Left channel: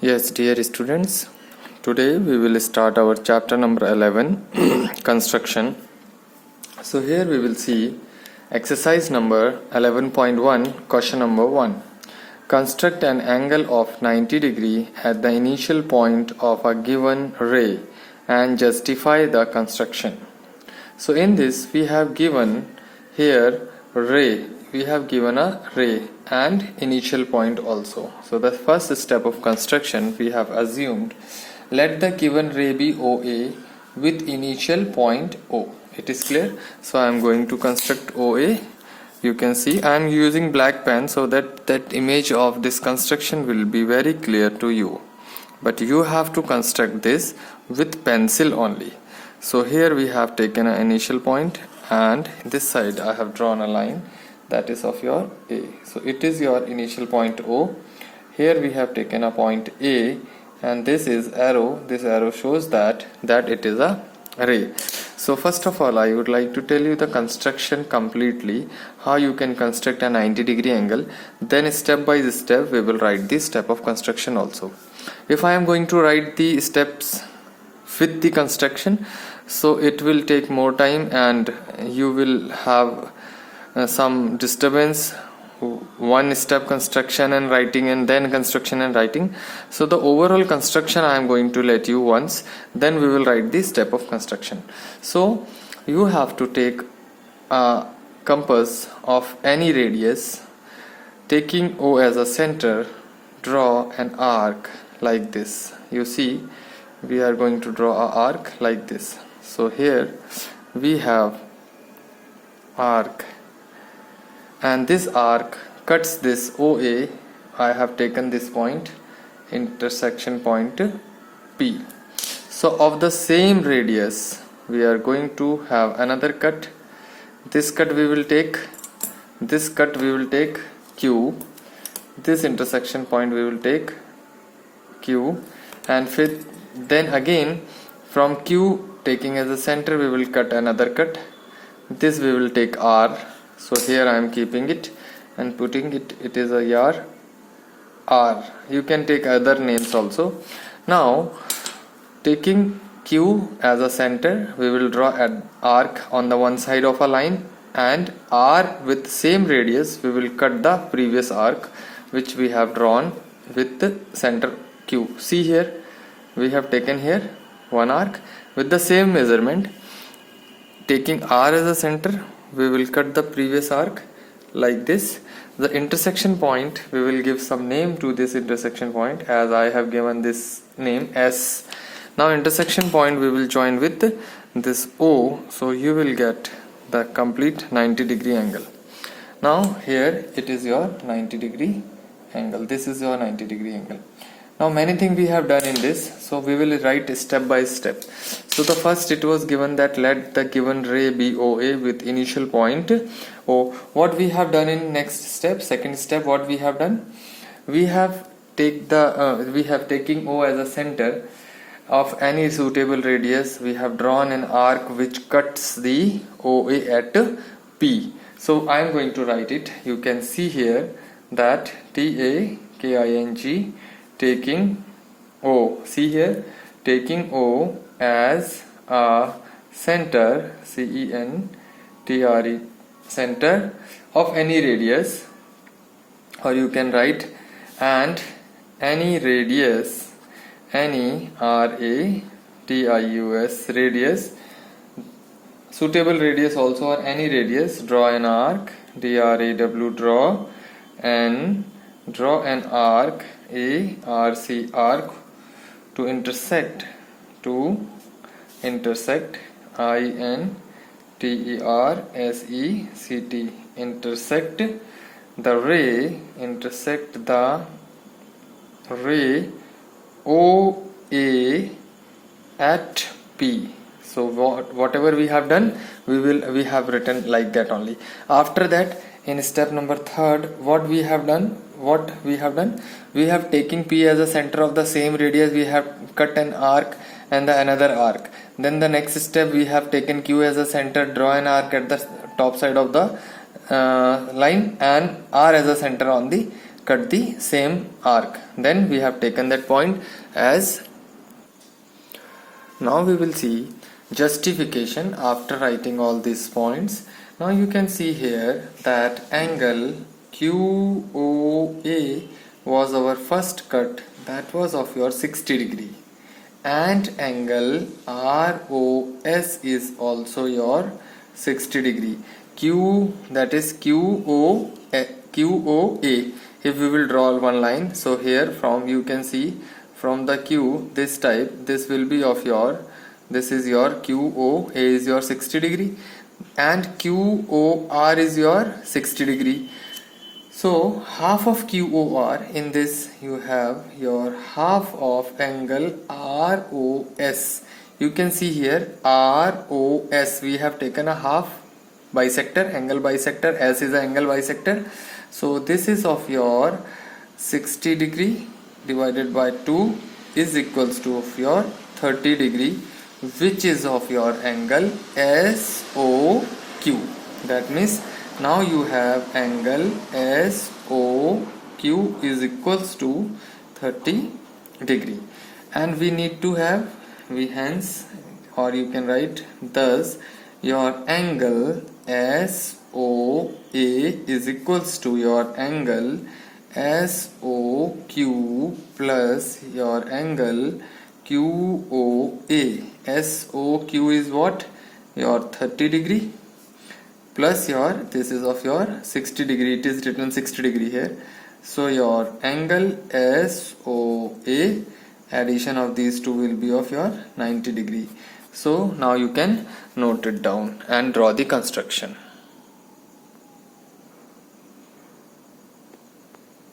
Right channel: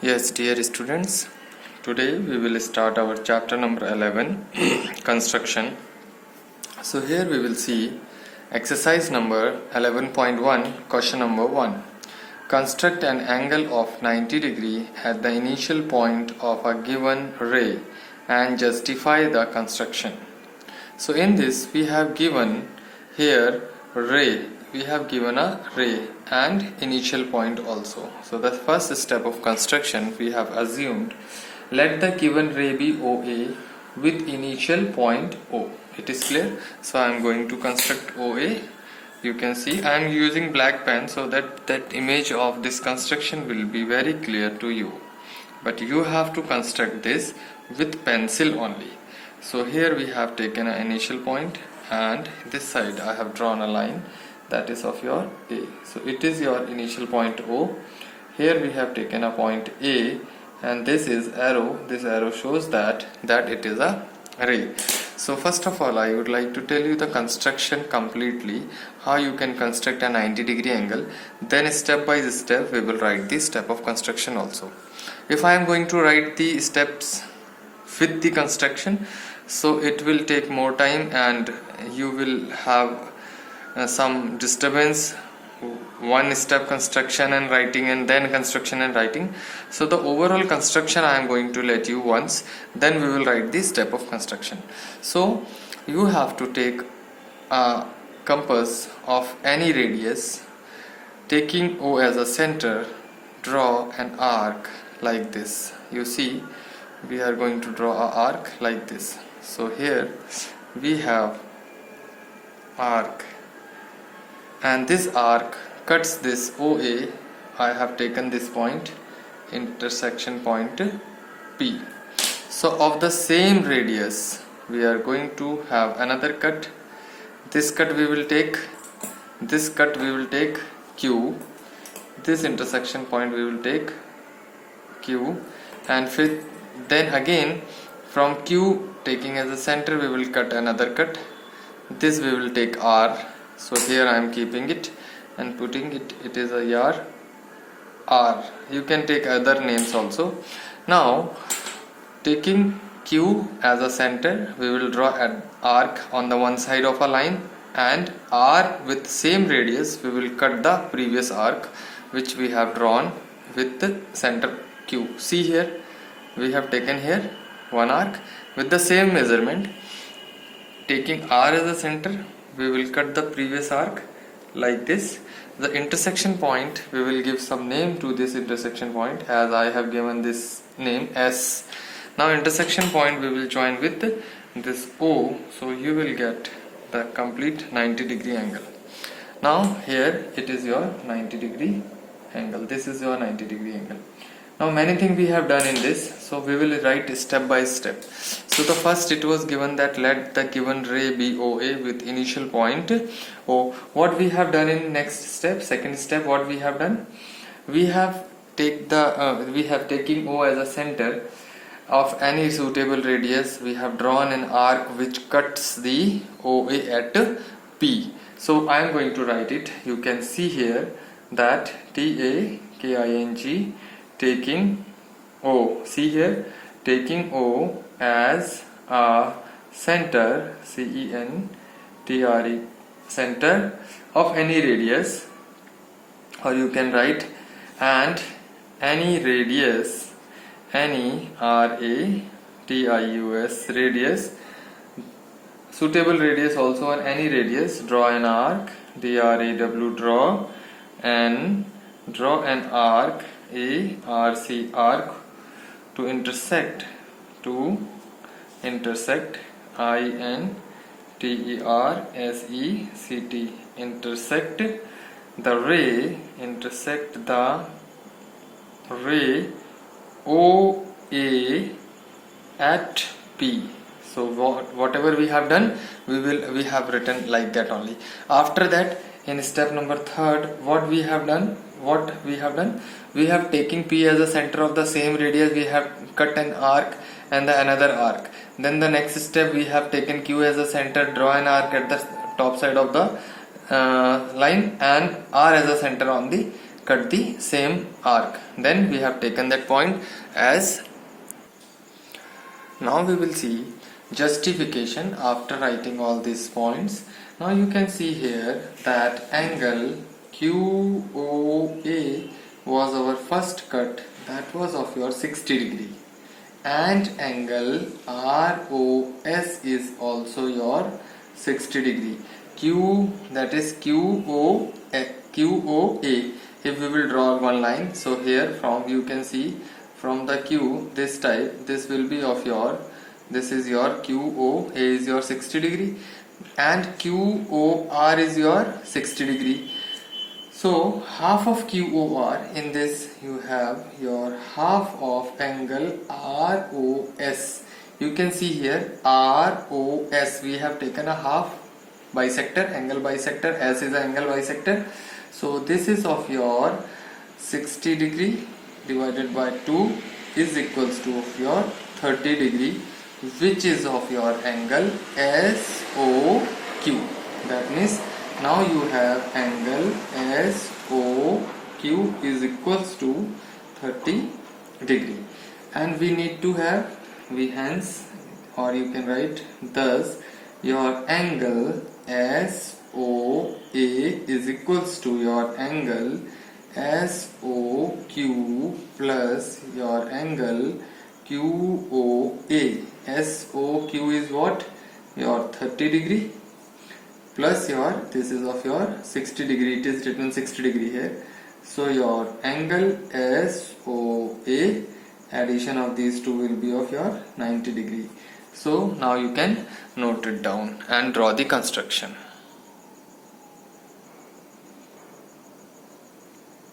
Yes, dear students, today we will start our chapter number 11 construction. So, here we will see exercise number 11.1, question number 1. Construct an angle of 90 degree at the initial point of a given ray and justify the construction. So, in this, we have given here ray. We have given a ray and initial point also. So the first step of construction we have assumed, let the given ray be OA with initial point O. It is clear. So I am going to construct OA. You can see I am using black pen so that image of this construction will be very clear to you. But you have to construct this with pencil only. So here we have taken an initial point and this side I have drawn a line that is of your A. So it is your initial point O. Here we have taken a point A and this is arrow. This arrow shows that it is a ray. So first of all I would like to tell you the construction completely, how you can construct a 90 degree angle. Then step by step we will write the step of construction also. If I am going to write the steps with the construction, so it will take more time and you will have some disturbance, one step construction and writing and then construction and writing. So the overall construction I am going to let you once, then we will write the step of construction. So you have to take a compass of any radius, taking O as a center, draw an arc like this. You see we are going to draw an arc like this. So here we have arc and this arc cuts this OA. I have taken this point, intersection point P. So of the same radius we are going to have another cut. This cut we will take, this cut we will take Q, this intersection point we will take Q, and then again from Q taking as a center we will cut another cut. This we will take R. So here I am keeping it and putting it, it is a yard R. You can take other names also. Now taking Q as a center, we will draw an arc on the one side of a line, and R with same radius we will cut the previous arc which we have drawn with the center Q. See here we have taken here one arc with the same measurement. Taking R as a center, we will cut the previous arc like this. The intersection point, we will give some name to this intersection point, as I have given this name S. Now intersection point we will join with this O, so you will get the complete 90 degree angle. Now here it is your 90 degree angle. This is your 90 degree angle. Now many things we have done in this, so we will write step by step. So the first, it was given that let the given ray be OA with initial point O. What we have done in next step, second step, what we have done, we have taken O as a center of any suitable radius. We have drawn an arc which cuts the OA at P. So I am going to write it. You can see here that TAKING taking O. See here, taking O as a center, CENTRE, center of any radius, or you can write and any radius, any RADIUS radius, suitable radius also, or any radius, draw an arc, DRAW, draw an arc, ARC, arc to intersect INTERSECT, intersect the ray, OA at P. So whatever we have done, we have written like that only. After that, in step number third, what we have done, we have taken P as a center of the same radius. We have cut an arc and another arc. Then the next step, we have taken Q as a center, draw an arc at the top side of the line, and R as a center on the cut the same arc. Then we have taken that point as. Now we will see justification after writing all these points. Now you can see here that angle QOA was our first cut, that was of your 60 degree, and angle ROS is also your 60 degree. Q, that is QOA. If we will draw one line, so here from you can see from the Q, this type, this will be of your, this is your QOA is your 60 degree and QOR is your 60 degree. So half of QOR, in this you have your half of angle ROS. You can see here ROS, we have taken a half bisector, angle bisector, S is an angle bisector. So this is of your 60 degree divided by 2 is equals to of your 30 degree, which is of your angle SOQ. That means now you have angle SOQ is equals to 30 degree, and we need to have, we hence, or you can write thus, your angle SOA is equals to your angle SOQ plus your angle QOA. SOQ is what? Your 30 degree plus your, this is of your 60 degree, it is written 60 degree here. So your angle SOA, addition of these two will be of your 90 degree. So now you can note it down and draw the construction.